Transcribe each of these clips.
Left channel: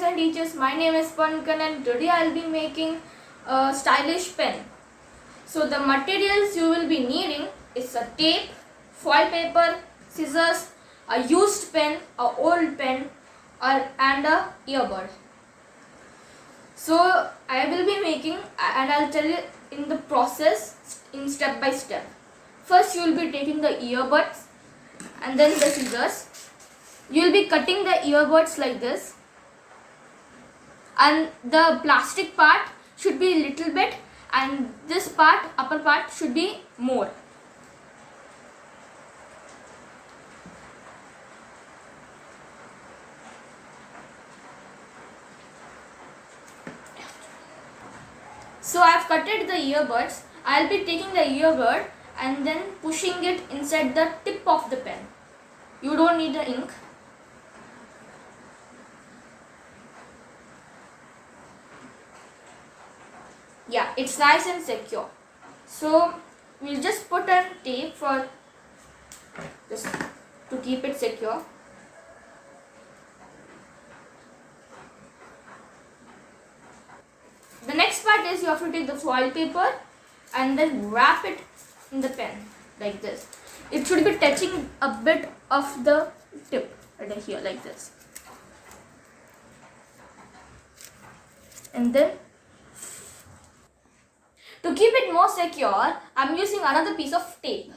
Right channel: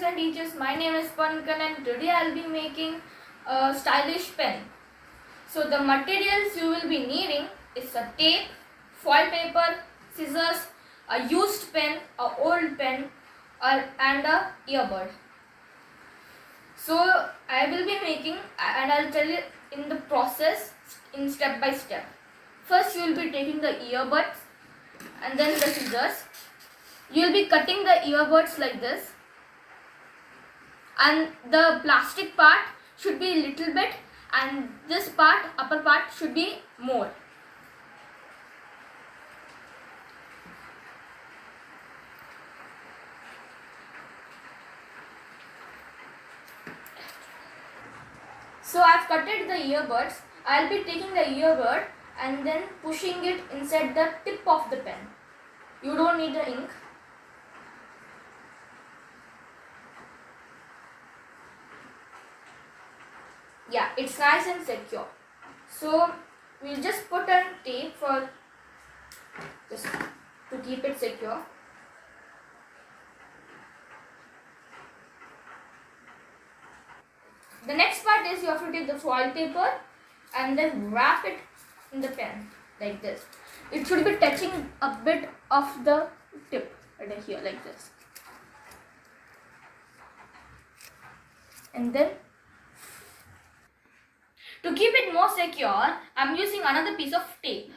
friends and teachers, my name is Pavan and today I will be making a stylish pen. So the materials you will be needing is a tape, foil paper, scissors, a used pen, a old pen and a earbud. So I will be making and I will tell you in the process in step by step. First you will be taking the earbuds and then the scissors. You will be cutting the earbuds like this, and the plastic part should be a little bit and this part, upper part, should be more. So I have cutted the earbuds. I will be taking the earbud and then pushing it inside the tip of the pen. You don't need the ink. Yeah, it's nice and secure. So we'll just put a tape for this to keep it secure. The next part is you have to take the foil paper and then wrap it in the pen like this. It should be touching a bit of the tip right here like this. And then to keep it more secure, I am using another piece of tape.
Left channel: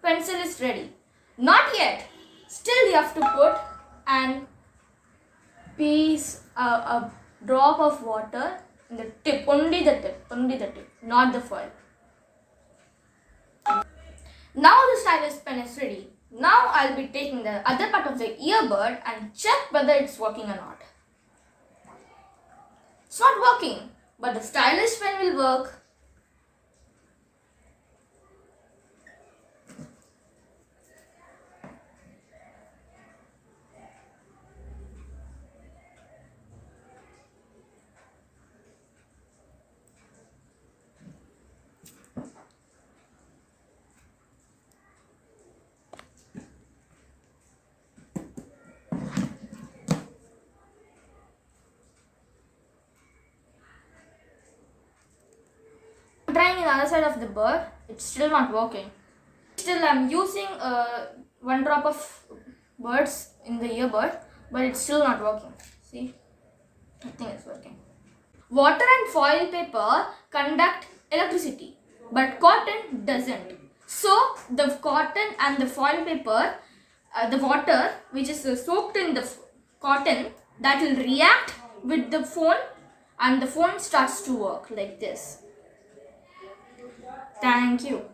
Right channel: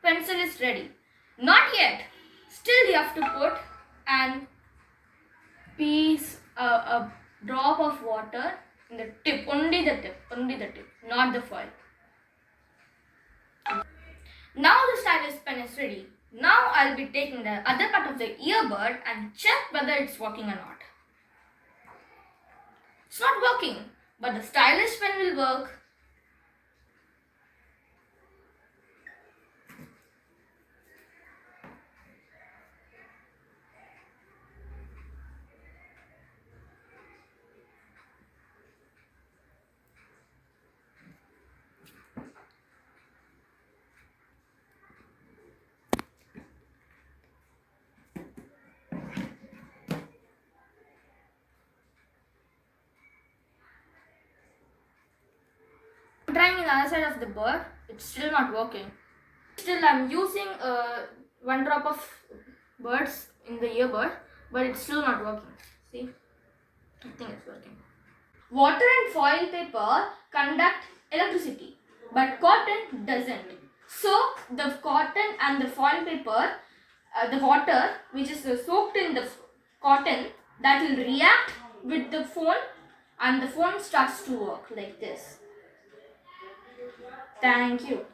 Pencil is ready. Not yet. Still you have to put an piece, a drop of water in the tip, only the tip, not the foil. Now the stylus pen is ready. Now I'll be taking the other part of the earbud and check whether it's working or not. It's not working, but the stylus pen will work. Trying the other side of the bird, it's still not working. Still I'm using one drop of birds in the earbud, but it's still not working. See, I think it's working. Water and foil paper conduct electricity, but cotton doesn't. So the cotton and the foil paper, the water which is soaked in the cotton, that will react with the phone and the phone starts to work like this. Thank you.